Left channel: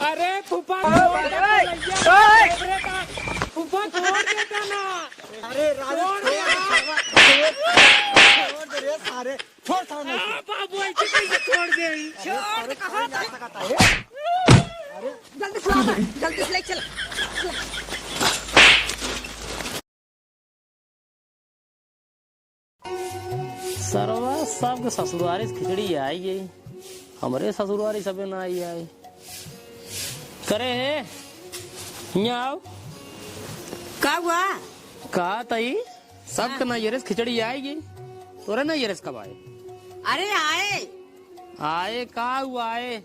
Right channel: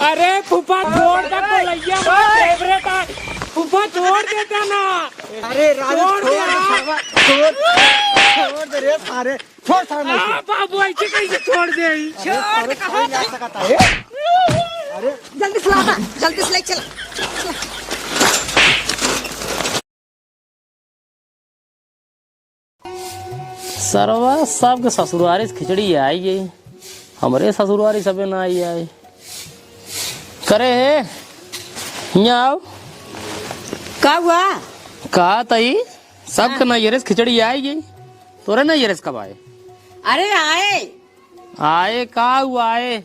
अरे फूफा छोड़ दे कोलैया फूफा छोड़ देता ना। अरे छोड़ दे रे सारे छोड़ सारे बाबू ऐसे कैसे छोड़ दे। छोड़ कहाँ जा सकता है। अरे जल्दी से ले चल। सरवा सबके ससुरारी से खिचड़ी आई गई, हमारे ससुरारी सबे ना आई आए करे है। यहाँ आओ का हुआ? कहा तई सबके नैयरे से खिचड़ी आई गई, तोरे नैयरे से कब आए? अरे आए आए का हुआ आए?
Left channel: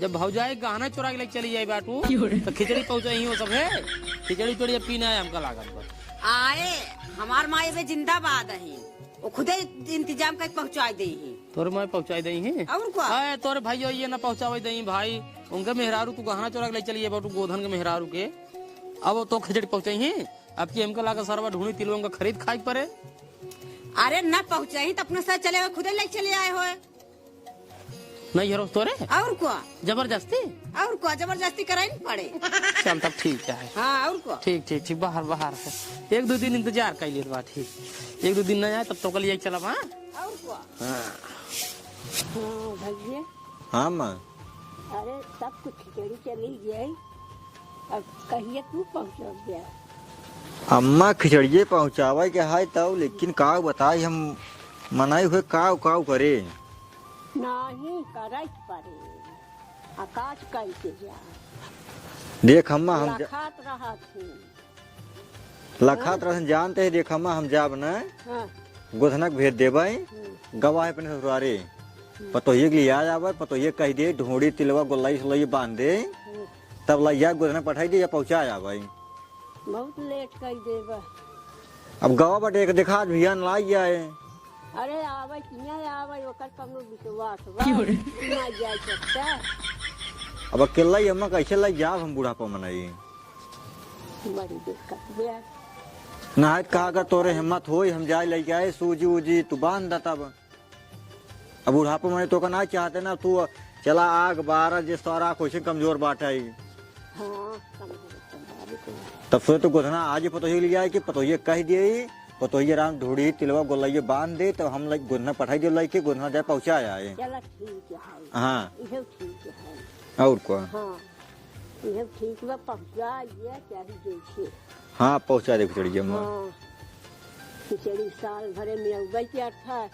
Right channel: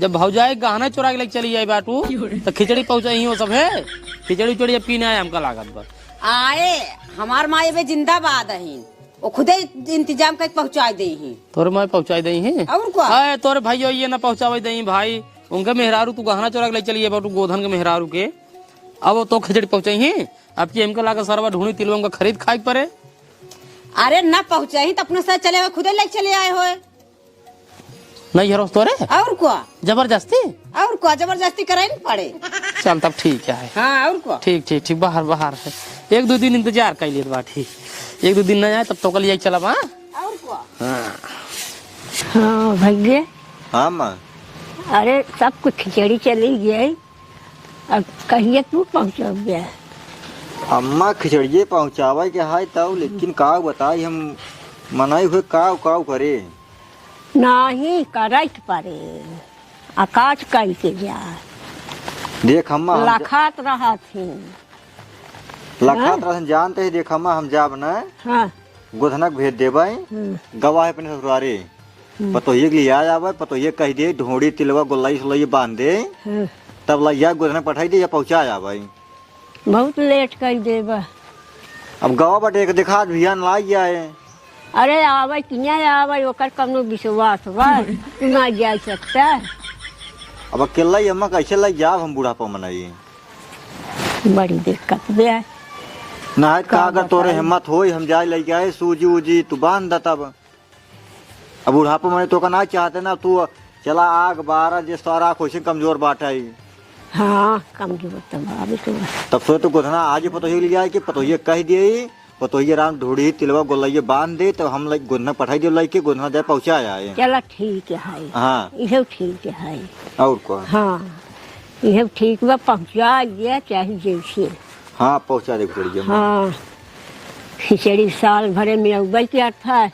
जब भौजाई गहना चुरा के लेके चली जाए बाटू तो खिचड़ी पहुंचाई हो सब है। खिचड़ी चोड़ी पीना है हमका लागत पर आए। हमार माए बे जिंदाबाद है, वो खुदे इंतजाम करके पहुंचा दे ही। तोरे मैं पहुंचाई दई है और क्या? आए तोरे भाई ये ना पहुंचावे दई भाई, उनके मेहरारू तू गहना चुरा के ले चली बाटू गोधन के मेहरारू के, अब वो तो खिचड़ी पहुंचाई है। अब की हमका लाकर सरवा ढूंढी तिलवा का खरीद खाई पड़े। अरे न पहुंचा ही तो अपने साथ चले हुए खुदे लेके चले आए हो। नहीं हरो तोरे और क्या? जबरदस्ती और क्या जबरदस्ती कराई नहीं पड़े। चल तब ठीक है। हाँ और क्या? ठीक ठीक ठीक बाहर बाहर है। एक दो दिन इंतजार कर लिए बा ठीक, एक दो दिन न आए तब तो कल यही चला। हाँ और क्या? हाँ भैया। हाँ माँ। अरे सब कुछ खिचड़ी चली गई, अब कहिए तू पहुँचा गया। अम्मा खिचड़िए पहुँचावे के है तब, लेकिन का बताई हम मनाई हुए काव करे। नहीं करत परे आकाश कह के जा देख अम्मा लखात रहा थे। लखात रसन जानते है। देख अम्मा हम जाब न हाँ गोधनक भेज देवे गवाह अपने ससुरारे पतोहिए के लिए आ जावे, पतोहिए कह दे ढोड़ी तिलवा गोलाई सोलाई बांध दे, तब लैया गोधनक पठाई दे या पहुँचा जावे। बहुत लेट कर देबा। अब गवा बटे एक देखा भियान लाई जाए। अरे आवे कि नहीं आवे ओकर कौनो विश्वास बा ना जा सकता। अब अकेला ही अम्मा कैसे लाई जाब हम बुढ़ापा मनाई। बड़ी दिक्कत बे। ना का अगर तोरे हिम्मत होई हम जाए लेके आए सूजी उजी तू बांध दा तब। अब बुढ़ापा मने तो का ना चाहते ना तू चला आग बारह जे सारा कोशिश कमजोर बाटाई। हाँ कमजोर तो बाबू तो तब से तो गोधना आज ही पतोही ले जाए कि पतोही कह दिए पतोही राम ढूढ़ी तिलवा गोलैया बांध दे तो हम लोग गोधना पठाई दे लेके गोधना जाए पहुँचा जाए। चला ठीक है। हाँ यह ठीक है। और क्या? हाँ यह ठीक बा पहुँचा दिया चाहे जैसे। हाँ पहुँचा दे खिचड़ी। हाँ खिचड़ी साल भरे में उबल के था,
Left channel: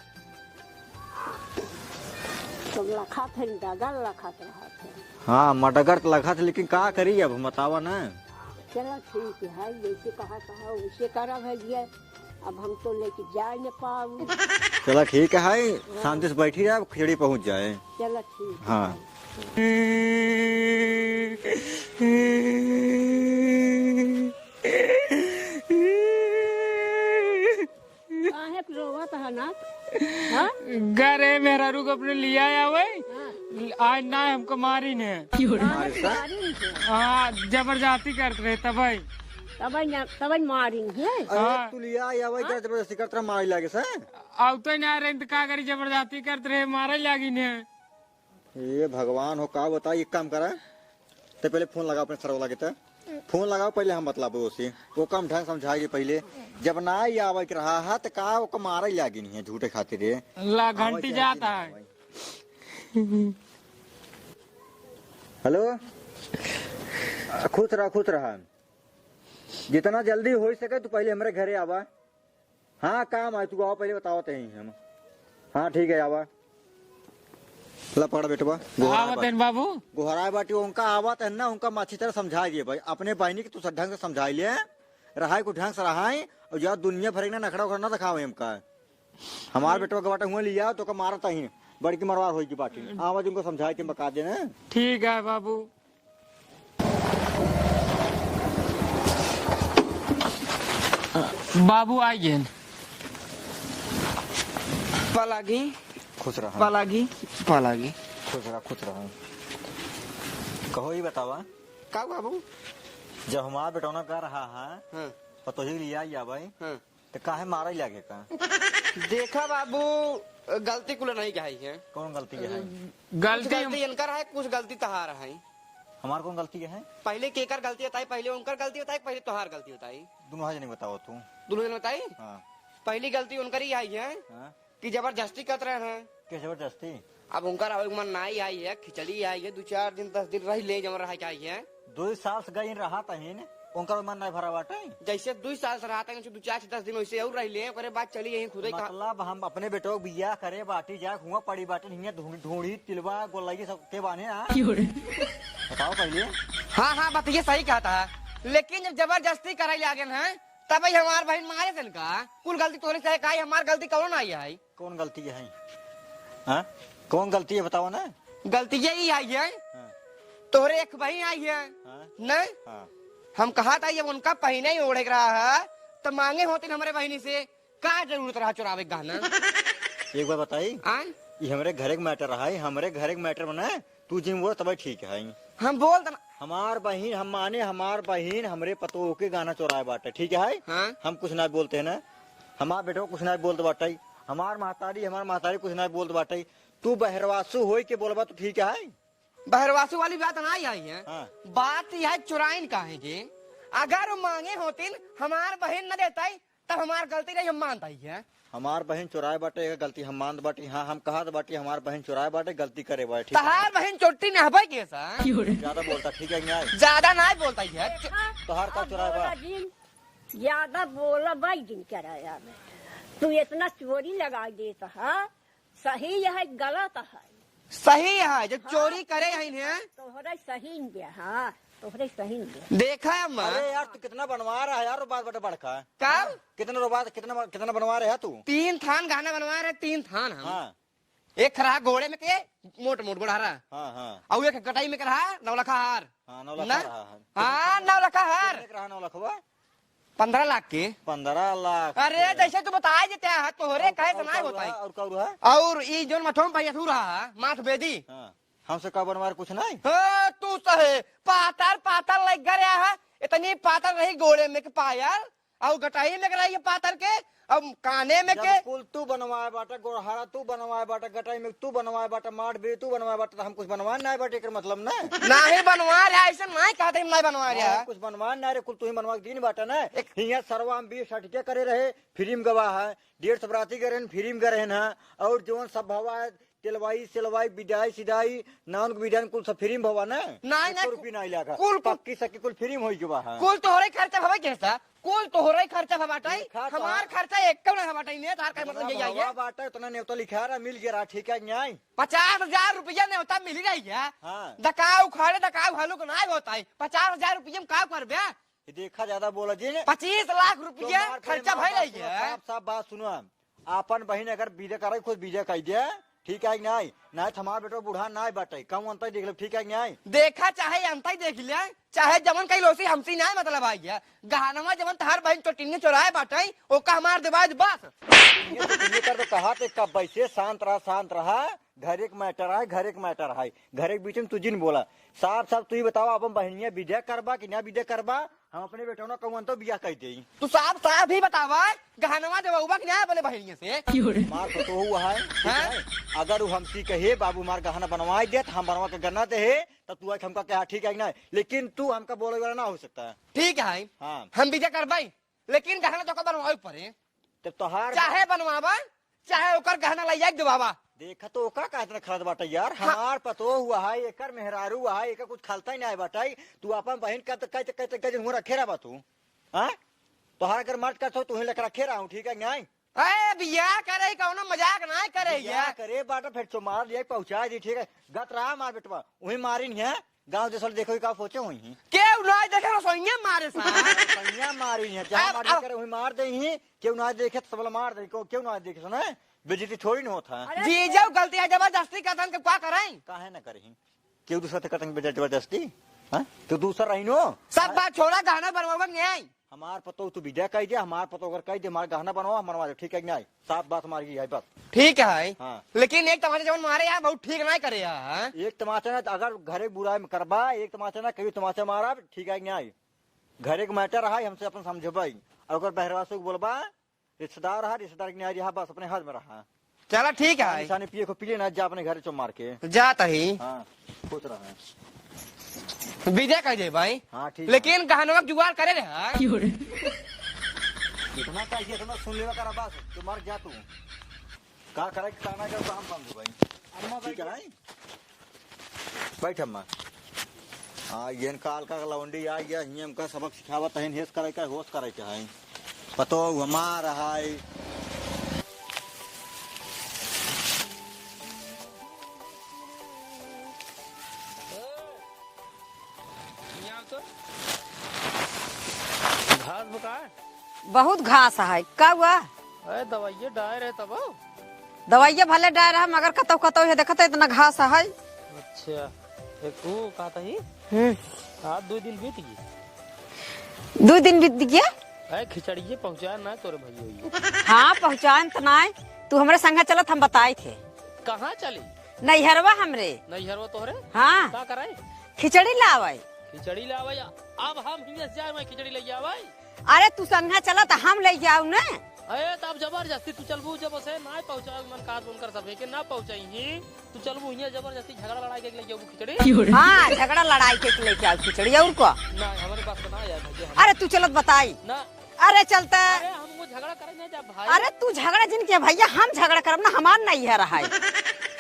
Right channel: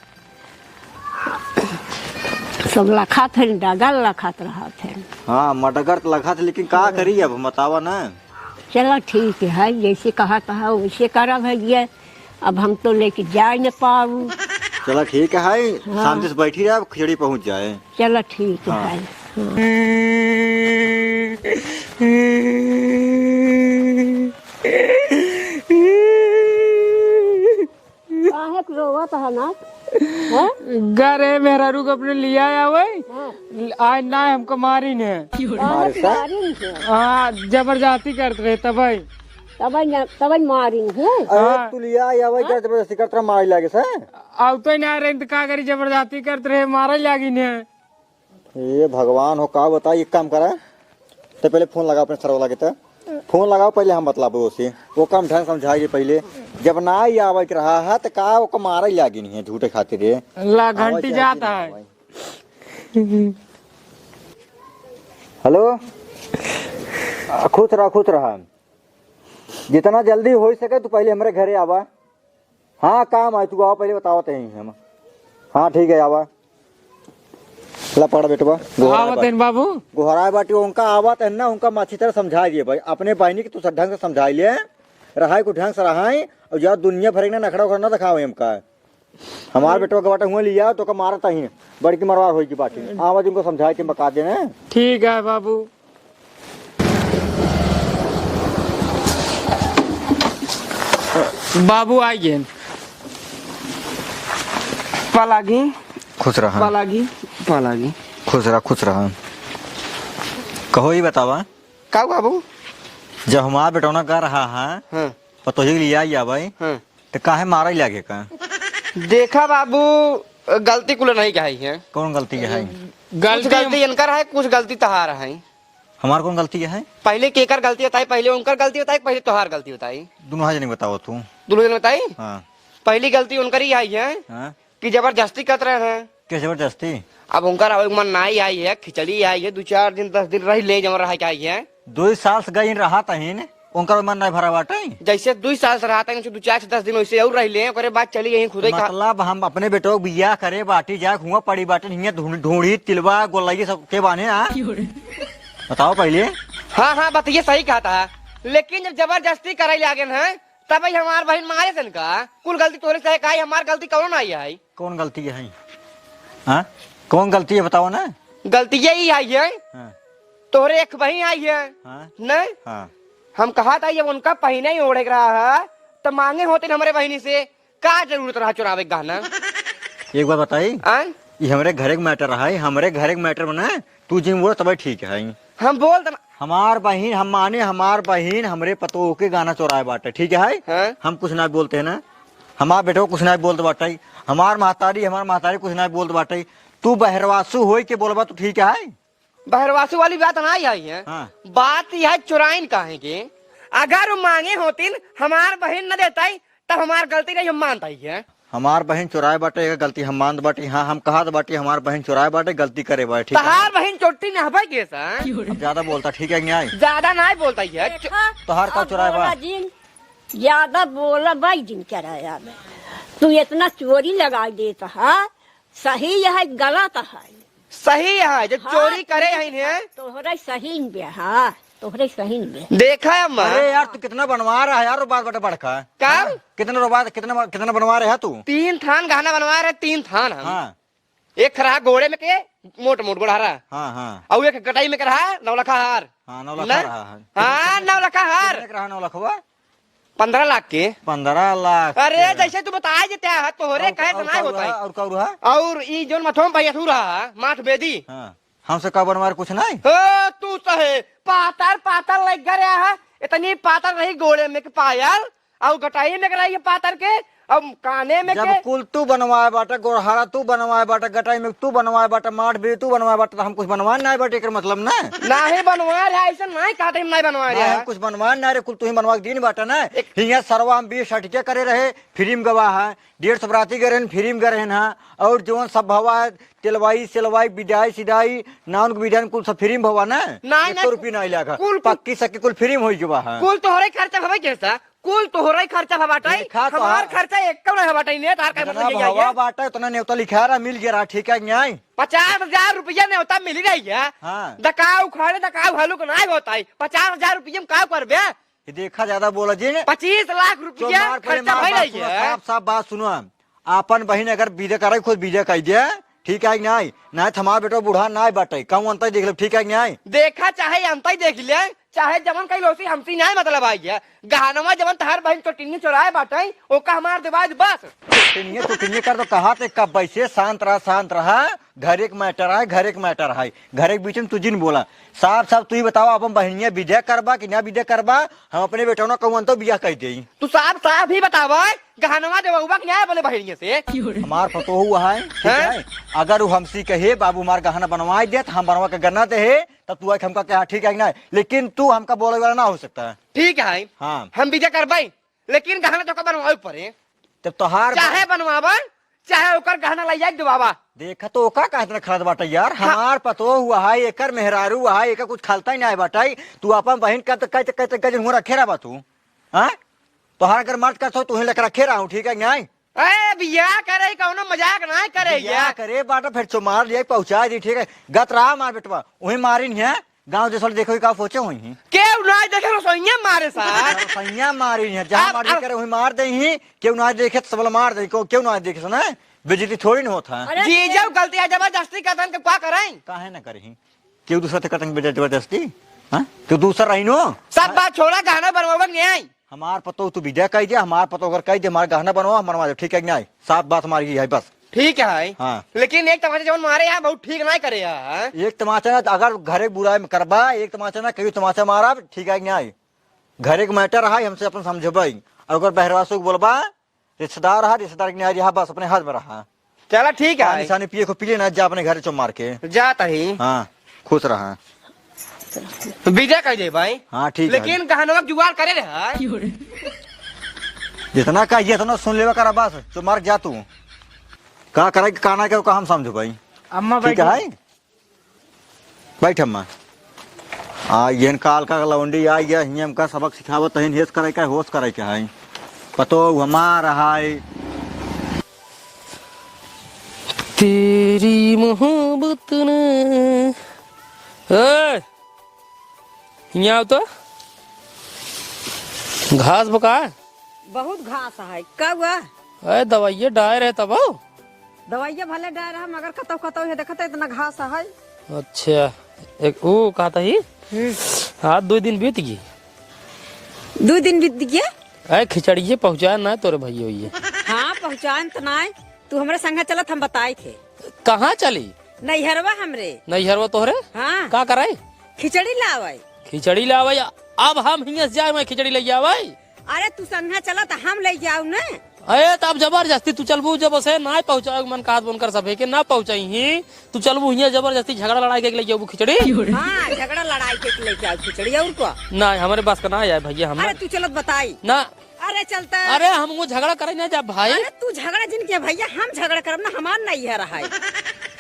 सब लखा थे डगल लखात रहा थे। हाँ मटगर तो लखा थे, लेकिन का करी अब बतावा ना। चलो ठीक है जैसे कहा था वैसे करा भैया, अब हम तो लेके जा न पाऊ। चलो ठीक है शांति से बैठी रहे खिचड़ी पहुँच जाए। चलो ठीक हाँ। है। रोवत है ना घरे मेहरारू को अपने लिया आया वही आज ना हमको मारी ने। हाँ जबरदस्ती करते रहे तब मारी है। तू लिया या वही जबरदस्ती करते मारी लागे सर। अब तो ना रहे तो का करी जबरदस्ती करते रहे मारा लागी ने। ये भगवान हो का बता। एक काम करा तो पहले फोन लगाओ अपने सरवा लगे तो फोन लगाओ पहले हम मतलब उसे वो काम ढंग समझाइए पहले। जब ना ही आवे रहा है तो का वो मारा ही लागी नहीं है झूठे खातिर रे ला घंटी जाता है। हेलो खुश रहा जितना जल्दी हो सके तो पहले हमारे घरे आवा। हाँ काम है तू आओ पहले बताओ हम। हाँ ठीक है आवा ला पड़ा बेटवा बाबू गोहरा बाटी उनका आवत है ना उनका अच्छी तरह समझा दिए भाई अपने बहनी की तू ढंग से समझा ले रहाई को ढंग से रहाई और जब दुनिया भर ना नखड़ा उखड़ा दिखाओ हमका। हमारे बेटवा का बाटा हुआ लिया तो का मारता ही बड़ी की मरवार होगी बाटी आवाज उनको समझा के बता देना। ठीक है बाबू। बाबू आइए पलागी खुश रहा पलागी खुश रहा कहो ही बतावा का बाबू जब हमारा बेटौना कर रहा है पतोही लिया या भाई तो काहे मारा ही लागे का। देखा बाबू गलती कुल नहीं कही है। कौन गलती है? कुछ गलती इनकर है कुछ गलती तहार है। हमार कौन गलती है? पहले केकर गलती बताई, पहले उनकर गलती बताई, पहले तोहार गलती बताई? दोनों हाथ नहीं बताओ तू। दोनों दिन बताई। हाँ पहली गलती उनकर ही आई है हाँ, कि जबरदस्ती कर रहे हैं। क्या जबरदस्ती? अब उनकर मन नहीं आई है, खिचड़ी आई है, 2-4 दिन 10 दिन रह ले जम रहा क्या आई है। 2 साल से गई रहा तहीन उनका मन नहीं भरा बाटे। जैसे 2 साल से रहा था 2-4 से 10 दिन वैसे और रह ले, ओकरे बाद चली गई खुद ही खा। मतलब हम अपने बेटों को बिया करे बाटी जाए हुआ पड़ी बाटे हियां ढूंढी तिलवा गोलाई सब के बाने। हाँ बताओ पहले। हाँ हाँ बताइए, सही कहा था। लेकिन जब जबरदस्ती करे ले आगे है तब हमार बहन मारे सन का कुल गलती तोरे से है, हमार गलती कौन आई है? कौन गलती है? हाँ कौन गलती है बताओ ना। गलती यही आई है, हाँ तोहरे एक बहन आई है। हाँ नहीं हाँ, हम कहा था जब उनका पहना ही ओढ़ रहा है तो मांगे होते हमारे बहनी से क्या जरूरत रहा चुरावे गहना। एक बार बताई, ये हमारे घर के मैटर रहा है, हमारे घर के मैटर बना तू जिम बोल तब ठीक है। हम बोल हमार बहन हम माने हमार बहन हमरे पतो के गाना चोराए बाटे ठीक है। हैं? हम कुछ ना बोलते है ना, हमार बेटो कुछ ना बोलते बाटे, हमार महतारी कुछ ना बोलते बाटे। तू बहरवासु हो के बोलबा तो ठीक है। बहरवासु वाली बात नहीं आई है। हाँ। बात यह चुराइन काहे के, अगर वो मांगे होतीन हमार बहन न देता तब हमार गलती नहीं हम मानता ही है। हमार बहन चुराए बाटे गलती हम मान बाटे। हाँ हम कहा बाटे हमार बहन चुराए बाटे गलती करे बाटे ठीक है। तहार बहन चोटी नहबे के सा ज्यादा बोलता ठीक है न्याय। ज्यादा नहीं बोलता ही है। तोहार का चुराए बा ज्यादा बोला भाई दिन कराया में तू इतना चोरी लगा देता है, सही है गलत है? सही है जो चोरी करे है तोहरे सही में हाँ तोहरे सही में देखा है अम्मा। अरे यार तू कितना बनवा रहा है यार, बात बड़ा बड़का क्या कितना बनवा रहे है तू? 3 थान गहना बनवा रहे, 3 थान हम। हाँ एक रहा घोड़े में के मोट गोड़ा रहा, हाँ हाँ और एक कटाई में रहा 9 लाख हार। हाँ 9 लाख ना? रहा है। हाँ 9 लाख हार। कितने का रहा 9 लाख हुआ? 15 लाख के। 15 लाख। अरे जैसे तू बताए देते है तोहरे कहे से नहीं होता है। और का रहा? और ई जोन मथोम भैया तू रहा माठ बेदी। हाँ हमसे का बनवा कुछ नहीं। हो तू सहे पातर लग गया है, इतनी पातर रही गोड़े में के पायल और गटाई में रही पातर के और काने में जब के। कुल तू बनवाए बाटा, गोरहारा तू बनवाए बाटा, गटाई में तू बनवाए बाटा, माठ भी तू बनवाए बाटा, तो हम कुछ बनवा नहीं बाटे एकर मतलब ना। नहीं बनवा रहा ऐसा नहीं कहते हम नहीं बनवा रहा हम है। कुछ बनवा नहीं रे, कुल तू ही बनवा के दिन बाटा ना। हियां सरवा हम 20 सर्टिफिकेट करे रहे फिल्म गवाह है, 150 बराती गए फिल्म गए हैं, और जो सब भवा है तेलवाई सिलवाई बिदाई सिदाई नाउन बिदाई कुल सब फ्री में भवा ना। नहीं, 100 रुपया नहीं लगा, कुल- पक्की सक्की कुल फ्री में हो जुबा है। कुल तोहरे खर्चा भवे कैसा, कुल तोहरे खर्चा भवाटाई, देखा तो हमार हाँ। खर्चा एक कम नहीं भवाटाई ने तार का मतलब यही है। बाटा उतना न्योता लिखा रहा मिल गया ठीक है न्याय। 50,000 रुपया ने होता मिल रही है। हाँ। दकाऊ खाने दकाऊ हलू को नहीं होता है। 50,000 रुपया में का करबे? ये देखा ज्यादा बोला जी ने। 25 लाख रुपया खर्चा भई रही है। साफ साफ बात सुनो, आपन बहन अगर बीजे करे खुद बीजे कह दिया ठीक है न्याय, नहीं हमारा बेटा बूढ़ा ना बाटे कम अंतर देख लो ठीक है न्याय। देखा चाहे अंत ही देख ले, चाहे जमन कई लोग से हमसी नहीं मतलब आई है। गहनवा जमन तहर बहन चोटिंगी चोराए बाटे ओका हमार देवाज बस। तो तुम्हें कर दो कहा थे कब वैसे शांत रहा। घर एक मैटर है, घर एक मैटर है, घर एक बीच में तुझे नहीं बोला। साफ साफ तू ही बताओ अपन बहनिया विद्या करबा कि ना विद्या करबा, हम अपने बेटा ना कहूँ तो बिया कह दे। तू साफ साफ ही बतावा गहनवा देवा कि नहीं बोले बहनिया से। हमार फतो हुआ है ठीक है, अगर वो हमसी कहे बाबू मार गहना बनवाई दे तो हम बनवा के गन्ना दे है तब तू हमका कहा ठीक है ना, लेकिन तू हमका बोले वाला ना हो सकता है। ठीक है हाँ हम विजय करबाई, लेकिन गहना तो बनवाए पड़े, तब तोहार चाहे बनवाबा चाहे ओकर गहना ले जाए देवाबा। देखा तो ओका का इतना खराब बाटा यार। हमार पतो हुआ है एकर मेहरारू हुआ है, एकर कुछ खालता ही नहीं बाटाई। तू अपन बहन का तो कहते हुआ रखे रहा तू। हाँ तोहार अगर मर्द का तू ही लेकर रखे रहा हूँ ठीक है न्याय। अरे बिया करे कौनो मजाक नहीं करे क्या करे बाटा फिर तो मार लिया पहुंचा दी ठीक है। गत रहा मार बेटवा वही मारी नहीं है, गाँव जैसे देखो का सोचे हुई केहू नहीं देखे रसोइया मारे साथ सैया मारी है, जहाँ मार करे वही मार दे ही, क्यों ना देखे सबल मार दे, क्यों ना देखे सुना बेजती थोड़ी न होता है। जी जब गलती है जबरदस्ती का तन के क्या करें? काहे ना करी क्यों दूसरा से करेंगे जबरदस्ती? हाँ क्यों दूसरा रही नो सब बात छोड़ा गहना बनवाबा नहीं आई। हमार पतो तू विद्या कह दे, हमार पतो अगर कह दे हमारा गहना बनवा हम बनवा दे ठीक है न्याय। साफ बात हमारी है बस। ठीक है हाँ। लेकिन एक तमाचा जब मारे यहाँ बहुत ठीक नहीं करे यहाँ। एक तमाचा ना अगर घरे बुराई में करबा, एक तमाचा ना कहीं तमाचा मारा ठीक है न्याय। घरे के मैटर रहा हमसे अपन समझबाई, अगर बहरवासो को बोलबा रिश्तेदार रहा, रिश्तेदार के न्याय रहा बस अपने हाथ में रहा। चला ठीक है निशानी पिए को पिए ना जा अपने घर चो मार के जाता ही। हाँ खुश रहा। रहते। विदा कर दे भाई। हाँ ठीक है, लेकिन कहानवा जुगाड़ करे रहे जितना कहिए इतना सुन लेवा करा बस। तो मर जा तू का करे काना के हम समझो भाई। अम्मा ठीक है बैठ अम्मा। ये काल का लवंडी आई है हियम का सबक सिखावत है, हेस करे का होश करे का है पतो हमारा है। तेरी मोहब्बत ने यहाँ तो घास बका बहुत घास है का हुआ? अरे दवाइये डायर है तब। दवाइया भले डाल रहा मगर कतौ कतौ है देखत इतना घास है। अच्छा एक वो कहा था ही हाँ 2 दिन बीत गई। 2 दिन बीत गया। अरे खिचड़िए पहुँचाया ना तोरे भैया हुई हाँ पहुँचान तो ना तू हमरे संगे चलत हम बताए थे। कहाँ चली? नैहरवा हमरे। नैहरवा तोहरे हाँ का करे? खिचड़ी लावे। खिचड़ी लावे अब हम हियां से जाए मैं खिचड़ी ले आवे। अरे तू संगे चला तो हम ले जाऊ ना। अरे तब जबरदस्ती तू चलबू जब से ना पहुँचाओ मन का बनकर सभे के ना पहुँचाई ही तू चलबू हियां जबरदस्ती झगड़ा लड़ाई के ले जाऊ खिचड़ी। हाँ झगड़ा लड़ाई के ले जाऊ खिचड़ी और को ना हमारे पास का ना है भैया हम। अरे तू चलत बताई ना अरे चलता। अरे हम वो झगड़ा करे ना जा भाई। अरे तू झगड़ा जिनके भैया हम झगड़ा करब ना हमार नहीं है रहा।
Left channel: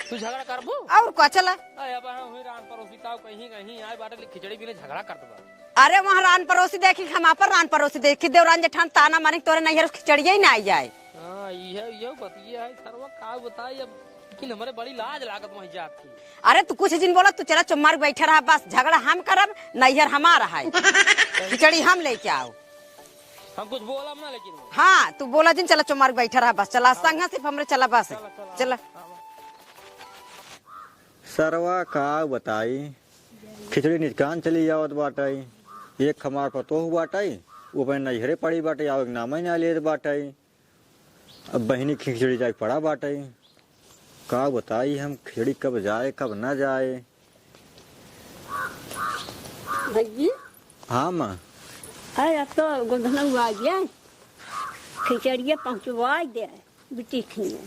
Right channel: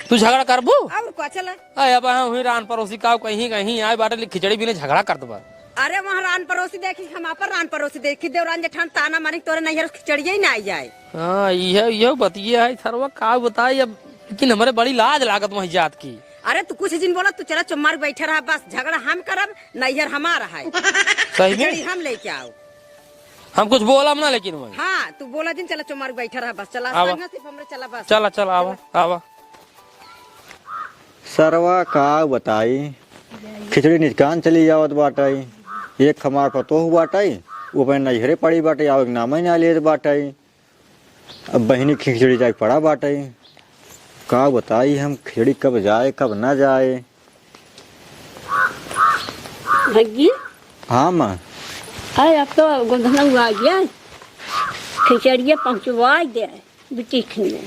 तू झगड़ा करबू और को चला। अरे अब हुई रान पड़ोसी का कहीं कहीं आए बाटे खिचड़ी भी ने झगड़ा कर दबा। अरे वहाँ रान पड़ोसी देखी हम आप रान पड़ोसी देखी देवरान जेठान ताना मारी तोरे नहीं खिचड़िया ही ना आई जाए। हाँ ये बतिया है सरवा का बताई अब लेकिन हमारे बड़ी लाज लागत वही जात की। अरे तू कुछ दिन बोला तू चला चुम्मार बैठे रहा बस झगड़ा हम करब नैहर हमारा है। सही खिचड़ी हम लेके आओ। हम कुछ बोला ना लेकिन वही। हाँ तू बोला दिन चला चुम्मार बैठे रहा बस चला आवा। संगा सिर्फ हमरे चला बस। चला चला आवा आवा। सरवा का बताई खिचड़ी निकान चली जावत बाटाई। एक हमार पतो बाटाई वो अपने नैहरे पड़ी बाटे आओ एक नाम ही ना ले बाटाई। अब बहनी खिचड़ी जाए पड़ा बाटाई का बताई हम खिचड़ी कब जाए कब ना जाए। भैया हाँ माँ अरे अब तो गोधना आ गया खिचड़िया पहुँचवा दे बिटिक में।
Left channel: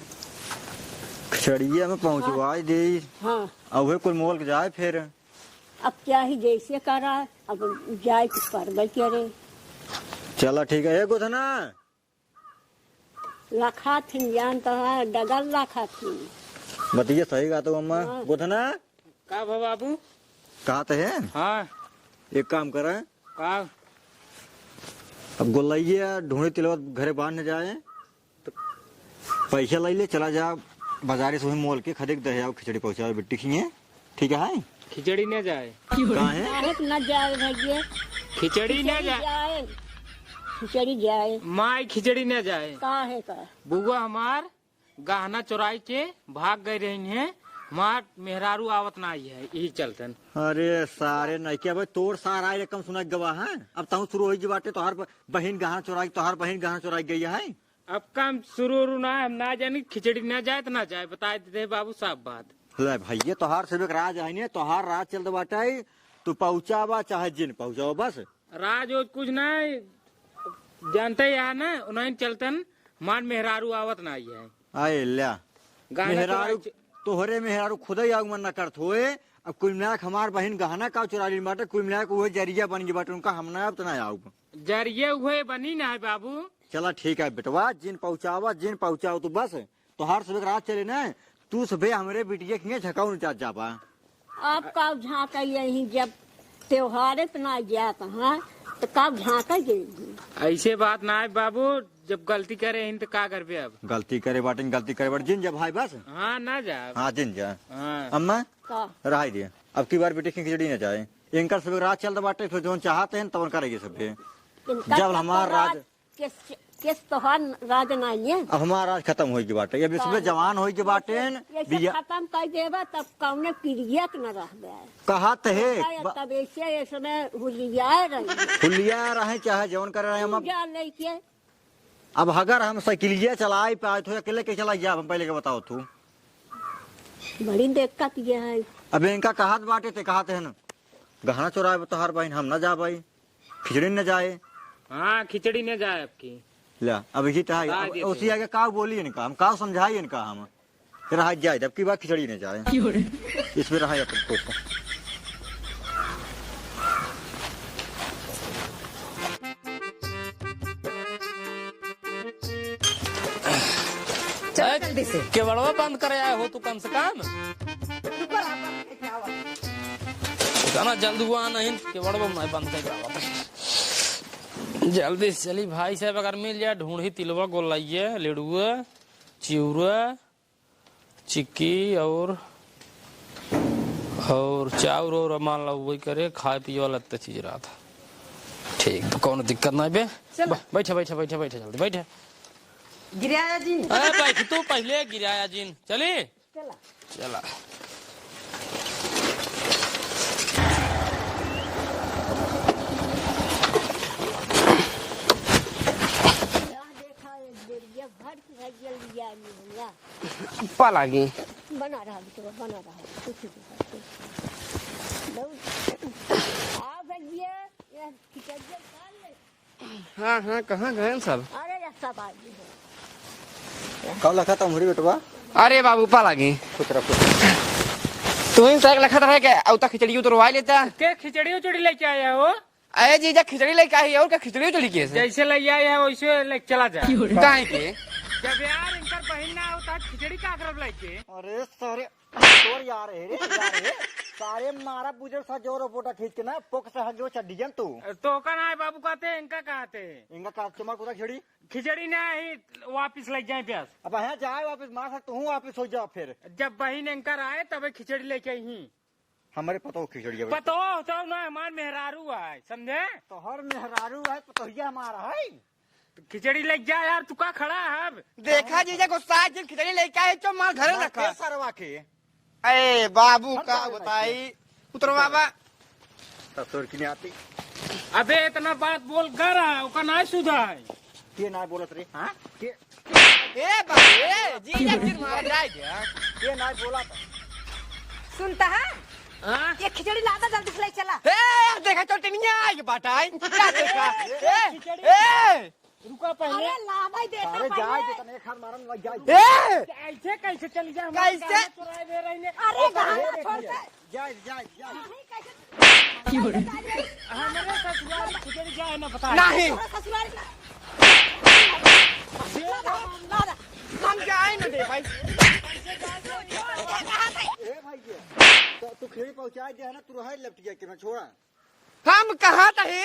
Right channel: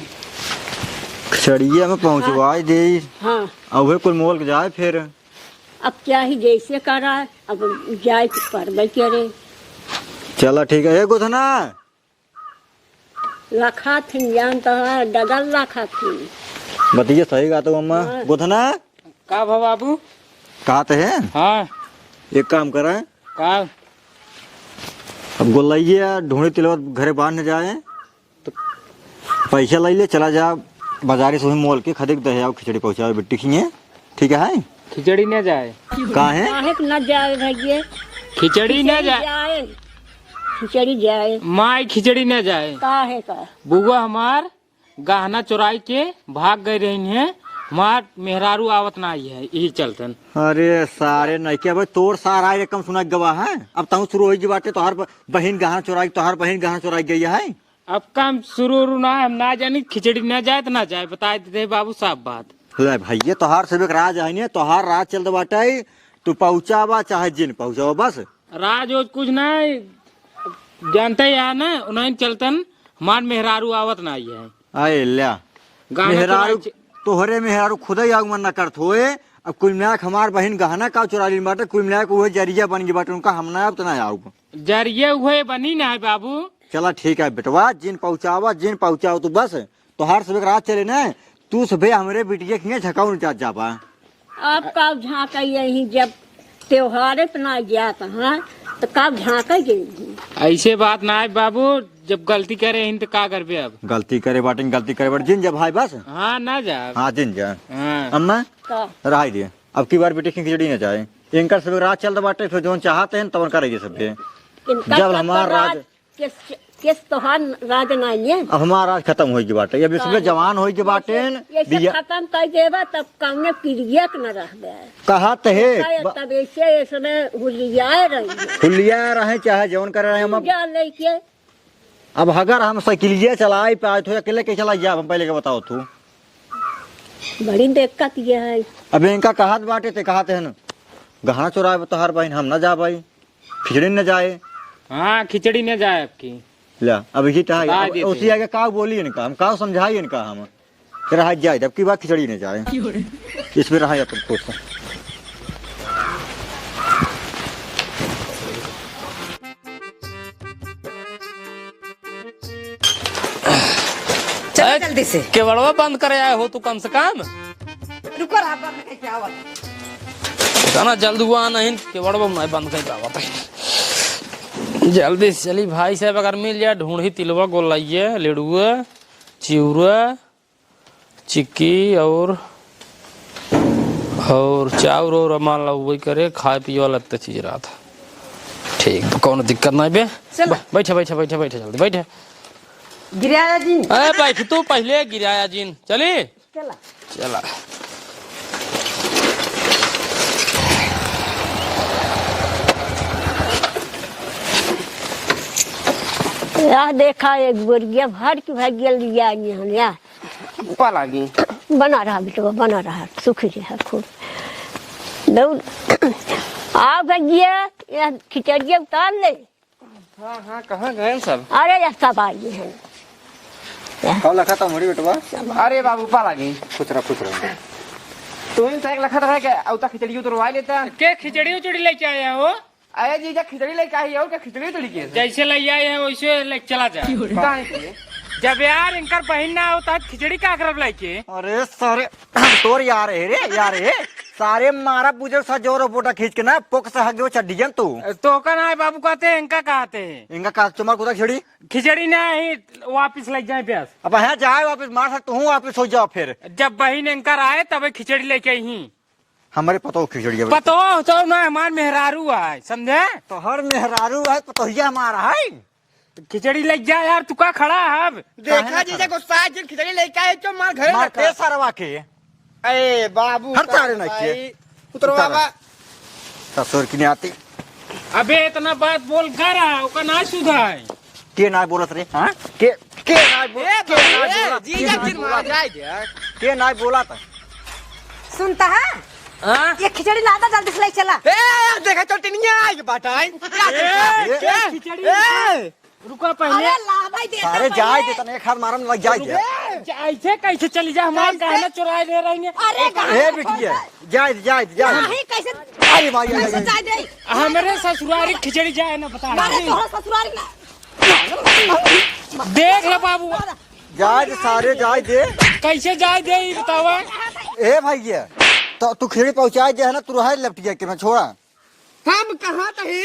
खिचड़िया में पहुँचवा दे। हाँ अब वे कुल मोल के जाए फिर। अब क्या ही जैसे करा अब जाए तो पर करे चला ठीक है गोधना रखा थी जानता है डगल रखा थी। बताइए सही कहा तो अम्मा। गोधना का भा बाबू कहते हैं हाँ एक काम करें का अब गोलैया ढूंढी तिलवत घरे बांधने जाए तो पैसा ले ले चला जा बाजारी से मोल के खरीद दे आओ खिचड़ी पहुँचाओ बिट्टी खिए ठीक है। खिचड़ी न जाए कहाँ है काहे के न जाए भैया खिचड़ी न जाए खिचड़ी जाए माई खिचड़ी न जाए। काहे का बुआ हमार गहना चुराई के भाग गए रही है हमार मेहरारू आवत ना आई है यही चलतन। अरे सारे नहीं क्या भाई तोर सारा ये कम सुना गवाह है। अब तहु शुरू हो जी बाटे तोहार बहन गहना चुराई तोहार बहन गहना चुराई गई है। अब काम शुरू ना हम ना जानी खिचड़ी न जाए तो ना जाए बता देते बाबू साहब बात। ले भैया तोहार से राज है तोहार राज चलते बाटे तू पहुँचावा चाहे जिन पहुँचावा बस। राज वो कुछ नहीं जानते यार ना उन्हें चलतन हमार मेहरारू आवत ना आई है। आए ल्या गाना मेहरारू चुराई- तोहरे मेहरारू खुद ही आगमन न करत होए। अब कुल मिलाक हमार बहन गहना का चुरा ली बाटे कुल मिलाक वो जरिया बन गई बाटे उनका हम ना अब तो ना आऊ। जरिए हुए बनी ना है बाबू। चला ठीक है बेटवा जिन पहुँचाओ तू बस तोहार से रात चले ना तू सुबह हमारे बिटिया खिए झकाऊ न जा पा। अब कब झाँका यही जब त्योहार इतना जाता है तो कब झाँका यही। ऐसे बात ना है बाबू जब गलती करे हिंद का करबे अब। गलती करे बाटे जिन जा भाई बस। हाँ ना जा। हाँ जिन जा हाँ अम्मा का रहा दिए अब की बार बेटी खिचड़ी न जाए इनका सब रात चलता बाटे फिर जो चाहते हैं तब करेंगे सब। इनका जब तो हमार राज किस त्योहार राज नहीं है अब हमारा राज खत्म हो बाटे अब इसमें जवान हो बाटे ये सब खत्म कर देगा तब कौने क्रिया न रह गया कहा है तब ऐसे इसमें हुलियाए रही खुलिया रहे चाहे जवन करे रहे हम जा लेके अब अगर हम साइकिलिया चलाए पाए तो अकेले के चला गया हम पहले के बताओ तू। बड़ी दिक्कत ये है। अब इनका कहत बाटे ते कहते हैं गहना चुराए तोहार बहन हम न जा भाई खिचड़ी न जाए। हाँ खिचड़ी न जाए आपकी। ला अब यही ला देते उसी आगे का बोली इनका हम का समझाई इनका हम रहा जाए अब की बात खिचड़ी न जाए इसमें रहा अपन खुश। अरे जल्दी से केवड़वा बंद करे आए हो तू कम से कम रुको रहा पर क्या हुआ इतना जल्द हुआ नहीं केवड़वा मैं बंद कर आवत जल्दी से चली भाई साहब अगर मिल जाए ढूंढी तिलवा गोलाइए लेड़ुआ चिउरा चिक्की और चाउर और मान लो वही करे खाए पिए वाला इतना चीज रहा था ठीक तो कौन दिक्कत नहीं बे बैठे बैठे बैठे बैठे जल्दी बैठे गिराया जी अरे बैठ तू पहले गिराया जीन चली चला चला यह देखा एक गुर्गिया भर की भाग्य लिया यहाँ पा लागी बना रहा बेटवा बना रहा सुखी रहा खूब दौड़ आओ भैया यह खिचड़िया उतार ले हाँ हाँ कहाँ गए सब अरे यह सब आइए हैं कब लखा था मोरी बेटवा अरे बाबू पा लागी कुछ रखो तुम सही लखत रह के अब तक खिचड़ी उतरवा लेता के खिचड़ी उचड़ी लेके आया हो अरे जीजा खिचड़ी लेके आई और क्या खिचड़ी उतरी के जैसे ले आया वैसे ले चला जाए काहे के जब यार इनकर बहन ना होता खिचड़ी का करब लेके अरे सारे तोर यार है रे यार है सारे मारा पूजो सा जोर फोटा खींच के ना पोक से हग चड्डियन तू तो का ना बाबू कहते हैं इनका कहते हैं इनका का तुम्हार कुदा खिचड़ी खिचड़ी ना ही वापिस ले जाए प्यास अब है जाए वापस मार सकता हूँ वापस हो जाओ फिर जब बहन इनकर आए तब खिचड़ी लेके आई हमारे पतो खिचड़ी है पतो तो ना हमार मेहरारू आए समझे तो हर मेहरारू है पतोहिया हमारा है खिचड़ी ले जा यार तू का खड़ा है अब देखा जीजा गुस्सा है खिचड़ी लेके आए तो मार घर मार रखा पे सारवा के अरे बाबू हर तारे ना किए। उतरवा ससुर की नहीं आती अबे इतना बात बोल कर रहा ओका ना सुधार के ना बोलत रे हां के ना जीजा फिर मार जाए के ना बोला था सुनता है हाँ? ये खिचड़ी लादा जल्दी से ले चला ए देखा तो टिनिया ये बाटाई खिचड़ी रुको पहले अरे लादा ही देता सारे जाए दे तने एक हाथ मारन लग जाए ऐसे कैसे चली जा हमारा गहना चुरा ले रहेंगे अरे ए बेटिया जाए नहीं कैसे अरे भाई कैसे जाए दे हमारे ससुरारी खिचड़ी जाए ना बता काहे तोहर ससुराल ना देख ले बाबू जाए सारे जाए दे कैसे जाए दे ये बतावा ए भैया तो तू खिचड़ी पहुंचाए दे है ना तू रहा लपटिया के मैं छोड़ा हम कहा तही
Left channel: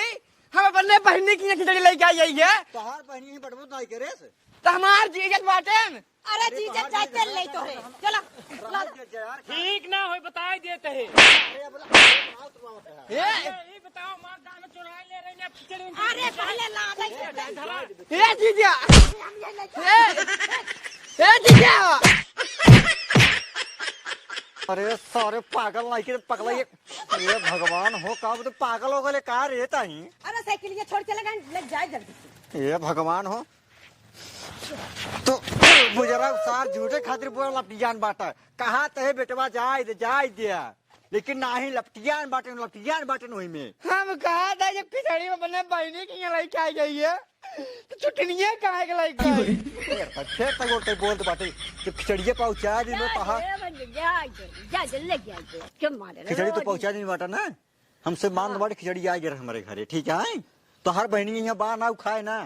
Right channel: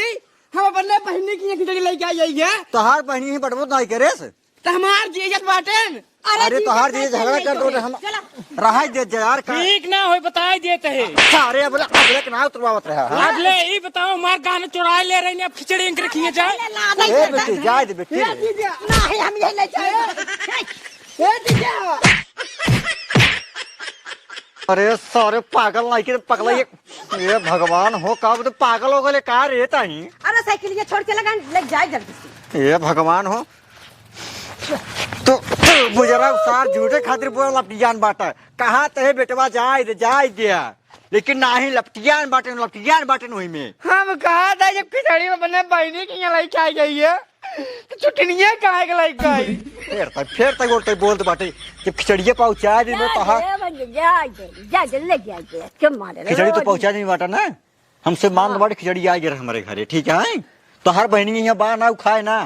हम अपने बहनी की खिचड़ी लेके आई है तो हर बहनी ही बटबो नहीं करे से तो हमार जीजा बाटेन अरे तो हर चीज झगड़ा कर दो हम चला रहा दे यार का ठीक ना हो बता देते है सारे बोला एक ना उतरवावत रहा अब ले ये बताओ हमारे गहना चुरा ले रहे हैं अब खिचड़ी इनके रखिए जाए लादा ही ए देता बेटी जाए दे बेटी जीजा नहीं हम यही ले चले ए जीजा अरे सारे पागल नहीं के पगला ये भगवान हो कब तो पागल हो गए का रे ताही अरे साइकिल ये छोड़ के लगा ले जाए जल्दी से ये भगवान हो तो बुजरा सार झूठे खातिर बोला लपटियान बाटा कहाँ ते बेटवा जाए दिया लेकिन ना ही लपटियान बाटे वही में हम कहा था जब खिचड़ी में अपने बहनी की यहाँ लेके आई गई है तो छुट्टियाँ कहाँ के लेके आई फिर तक बोलते बोलते बाटे जब खिचड़िया पहुंचा दी में तो खिचड़ी तो पहुंचा नहीं बाटा ना हमसे मान बाटे खिचड़ी आ गया हमारे घरे ठीक है तो हर बहनी यहाँ बाहर ना खाए ना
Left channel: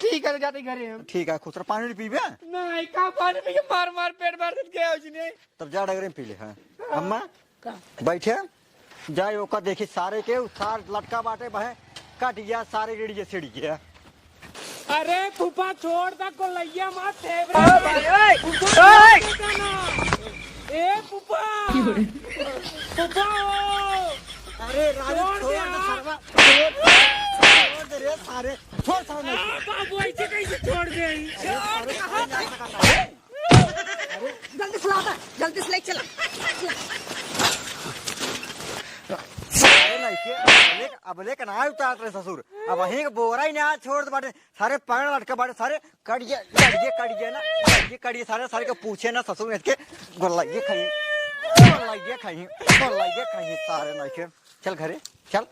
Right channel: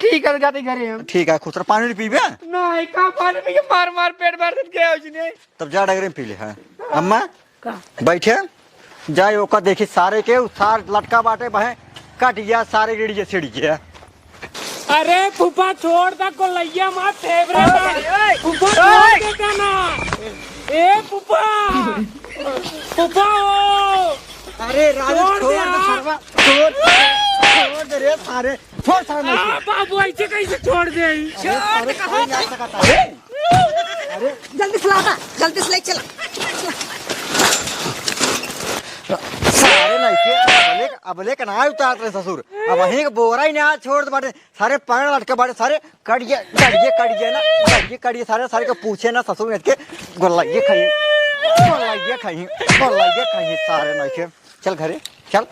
ठीक है जाते घरे हम ठीक है खुसरा पानी पीबे नहीं कहाँ पानी में मार मार पेट भर गया उसने तब जा डगरे में पी ले है अम्मा बैठे जाए ओका देखी सारे के सार लटका बाटे बहे कट गया सारे गिड़िया सिड़ गया अरे फूफा छोड़ दा को लैया मार फेवरेट फूफा छोड़ देता ना ए फूफा फूफा अरे राजू छोड़ दे रे सारे छोड़ सारे बाबू ऐसे कैसे छोड़ दे जल्दी से लादा जल्दी से ले चला सारे नहीं के अबले का ना उतार रहे ससुर अब वहीं का बोरा ही ना छोड़ दे बाटे सारे पैर लटके बाटे सारे कड़िए ना कड़िए सारे के पूछे ना ससुर ने के गोलाइए खाइए सारे नहीं के चल घरे चल